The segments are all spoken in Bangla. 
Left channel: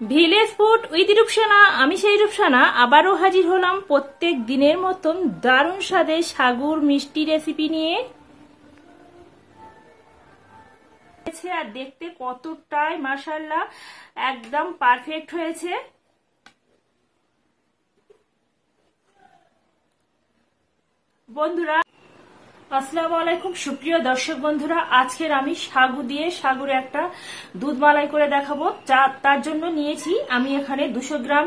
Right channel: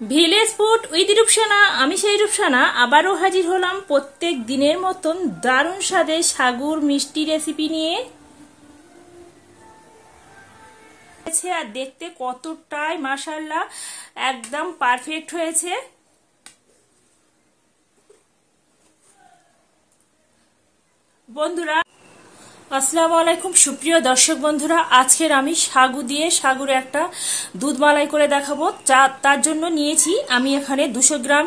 ভিলেজ ফুড উইথ রূপসানা, আমি সেই রূপসানা আবারও হাজির হলাম প্রত্যেক দিনের মতন দারুণ স্বাদে সাগুর মিষ্টি রেসিপি নিয়ে। আর দেখতে কতটাই মাশাআল্লাহ একদম পারফেক্ট হয়েছে। বন্ধুরা আসসালামু আলাইকুম, সুপ্রিয় দর্শক বন্ধুরা, আজকের আমি সাগু দিয়ে সাগুর একটা দুধ মালাই করে দেখাবো। তার জন্য নিয়েছি আমি এখানে 200 গ্রাম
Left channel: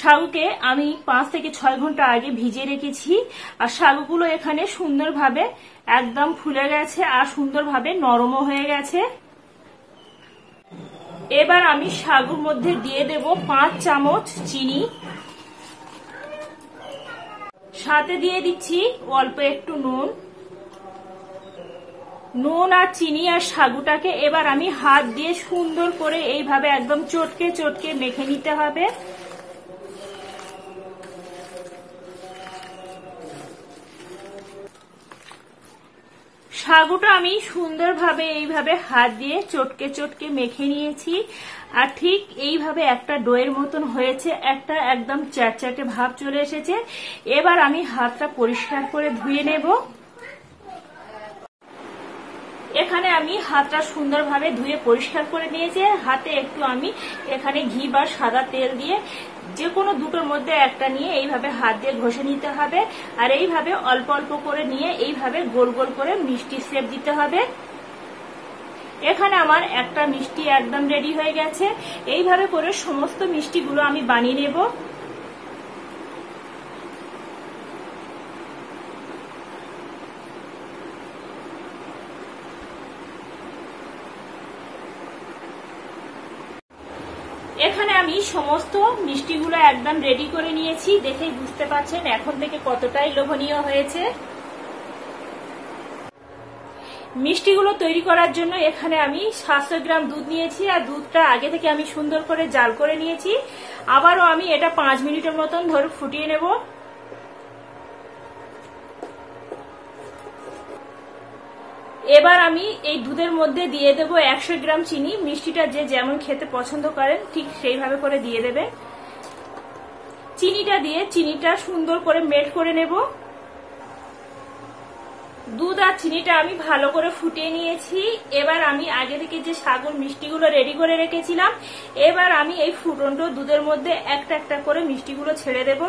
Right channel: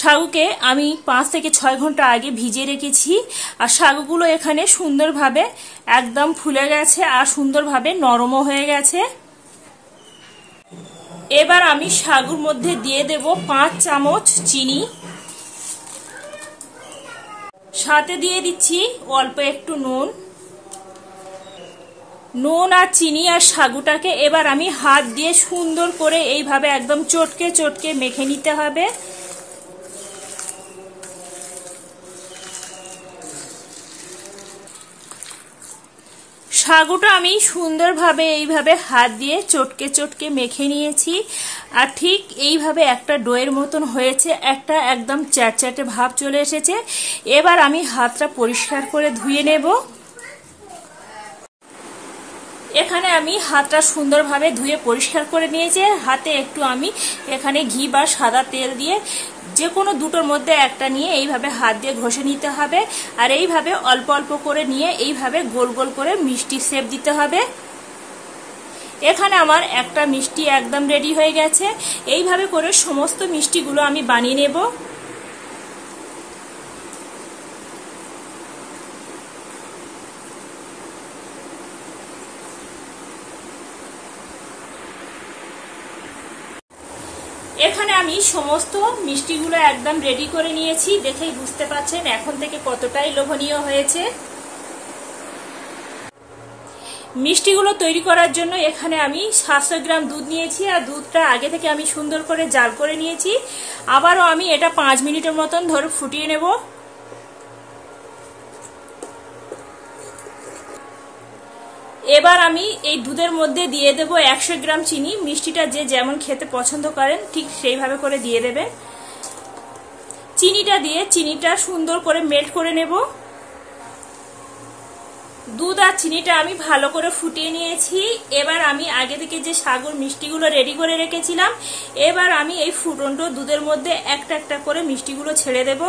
সাগুকে আমি 5 থেকে 6 ঘন্টা আগে ভিজিয়ে রেখেছি। আর সাগুগুলো এখানে সুন্দরভাবে একদম ফুলে গেছে আর সুন্দরভাবে নরমও হয়ে গেছে। এবার আমি সাগুর মধ্যে দিয়ে দেব 5 চামচ চিনি, সাথে দিয়ে দিচ্ছি অল্প একটু নুন আর চিনি আর সাগুটাকে এবার আমি হাত দিয়ে সুন্দর করে এইভাবে একদম চটকে চটকে মেখে নিতে হবে। সাগুটা আমি সুন্দরভাবে এইভাবে হাত দিয়ে চটকে চটকে মেখে নিয়েছি। আর ঠিক এইভাবে একটা ডোয়ের মতন হয়েছে, একটা একদম চ্যাটচ্যাটে ভাব চলে এসেছে। এবার আমি হাতটা পরিষ্কার করে ধুয়ে নেব। এখানে আমি হাতটা সুন্দরভাবে ধুয়ে পরিষ্কার করে নিয়েছি। হাতে একটু আমি এখানে ঘি বা সাদা তেল দিয়ে যে কোনো দুটোর মধ্যে একটা নিয়ে এইভাবে হাত দিয়ে ঘষে নিতে হবে। আর এইভাবে অল্প অল্প করে নিয়ে এইভাবে গোল গোল করে মিষ্টি শেপ দিতে হবে। এখানে আমার একটা মিষ্টি একদম রেডি হয়ে গেছে। এইভাবে করে সমস্ত মিষ্টিগুলো আমি বানিয়ে নেব। এখানে আমি সমস্ত মিষ্টিগুলো একদম রেডি করে নিয়েছি, দেখেই বুঝতে পারছেন এখন থেকে কতটাই লোভনীয় হয়েছে। মিষ্টিগুলো তৈরি করার জন্য এখানে আমি 700 গ্রাম দুধ নিয়েছি। আর দুধটা আগে থেকে আমি সুন্দর করে জাল করে নিয়েছি। আবারও আমি এটা 5 মিনিটের মতন ধরে ফুটিয়ে নেব। এবার আমি এই দুধের মধ্যে দিয়ে দেব 100 গ্রাম চিনি। মিষ্টিটা যে যেমন খেতে পছন্দ করেন ঠিক সেইভাবে করে দিয়ে দেবেন। চিনিটা দিয়ে চিনিটা সুন্দর করে মেল্ট করে নেব। দুধ আর চিনিটা আমি ভালো করে ফুটিয়ে নিয়েছি। এবার আমি আগে থেকে যে সাগুর মিষ্টিগুলো রেডি করে রেখেছিলাম, এবার আমি এই ফুটন্ত দুধের মধ্যে একটা একটা করে মিষ্টিগুলো ছেড়ে দেব।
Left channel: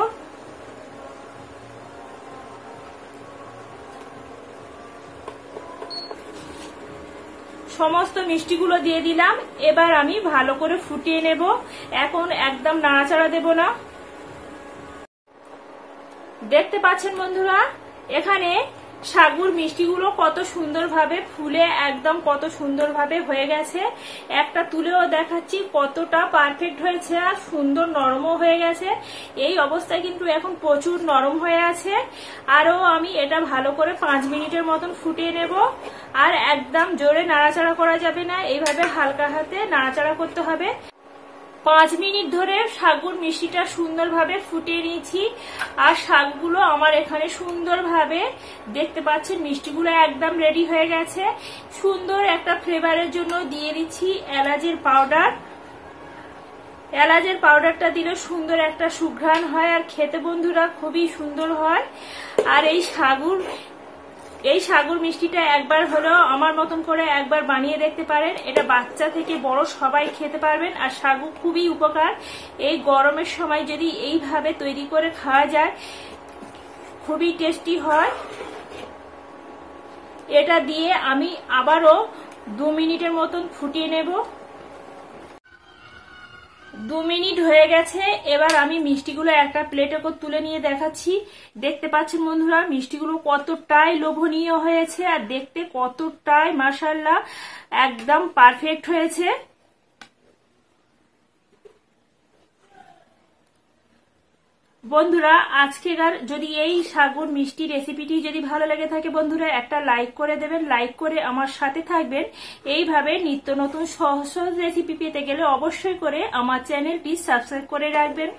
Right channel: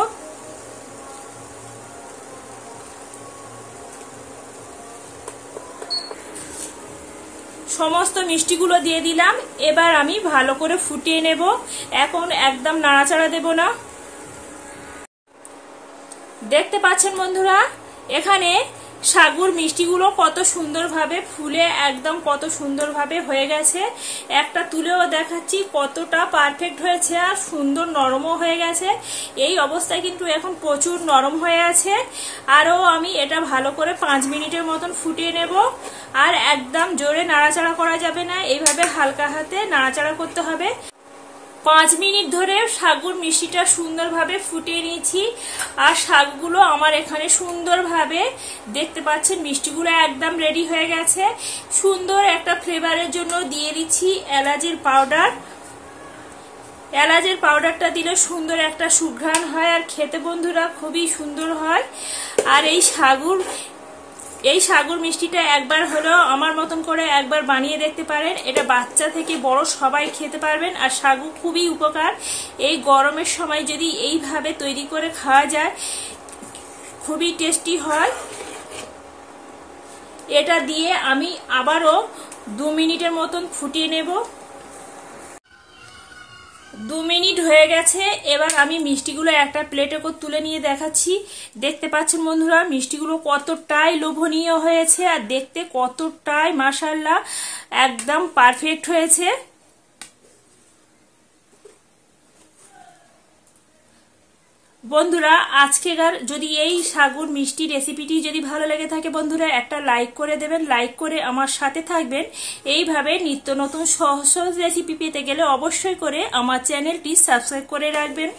সমস্ত মিষ্টিগুলো দিয়ে দিলাম। এবার আমি ভালো করে ফুটিয়ে নেব। এখন একদম নাড়াচাড়া দেব না। দেখতে পাচ্ছেন বন্ধুরা, এখানে সাগুর মিষ্টিগুলো কত সুন্দরভাবে ফুলে একদম কত সুন্দরভাবে হয়ে গেছে। একটা তুলেও দেখাচ্ছি কতটা পারফেক্ট হয়েছে আর সুন্দর নরমও হয়ে গেছে। এই অবস্থায় কিন্তু এখন প্রচুর নরম হয়ে আছে। আরও আমি এটা ভালো করে 5 মিনিটের মতন ফুটিয়ে নেব। আর একদম জোরে নাড়াচাড়া করা যাবে না, এইভাবে হালকা হাতে নাড়াচাড়া করতে হবে। 5 মিনিট ধরে সাগুর মিষ্টিটা সুন্দরভাবে ফুটিয়ে নিয়েছি। আর শাকগুলো আমার এখানে সুন্দরভাবে দেখতে পাচ্ছেন মিষ্টিগুলো একদম রেডি হয়ে গেছে। সুন্দর একটা ফ্লেভারের জন্য দিয়ে দিচ্ছি এলাচের পাউডার। এলাচের পাউডারটা দিলে সুন্দর একটা সুঘ্রাণ হয় আর খেতে বন্ধুরা খুবই সুন্দর হয়। আর এই সাগুর মিষ্টিটা একবার হলেও আমার মতন করে একবার বানিয়ে দেখতে পারেন। এটা বাচ্চা থেকে বড় সবাই খেতে পারবেন। আর সাগু খুবই উপকার। এই গরমের সময় যদি এইভাবে তৈরি করে খাওয়া যায় খুবই টেস্টি হয়। এটা দিয়ে আমি আবারও 2 মিনিটের মতন ফুটিয়ে নেব। 2 মিনিট হয়ে গেছে। এবার আমি মিষ্টিগুলো একটা প্লেটে করে তুলে নিয়ে দেখাচ্ছি। দেখতে পাচ্ছেন বন্ধুরা মিষ্টিগুলো কতটাই লোভনীয় হয়েছে আর দেখতে কতটাই মাশাআল্লাহ একদম পারফেক্ট হয়েছে। বন্ধুরা আজকের যদি এই সাগুর মিষ্টি রেসিপিটি যদি ভালো লেগে থাকে বন্ধুরা একটা লাইক করে দেবেন। লাইক করে আমার সাথে থাকবেন। এইভাবে নিত্য নতুন সহজ সহজ রেসিপি পেতে গেলে অবশ্যই করে আমার চ্যানেলটি সাবস্ক্রাইব করে রাখবেন।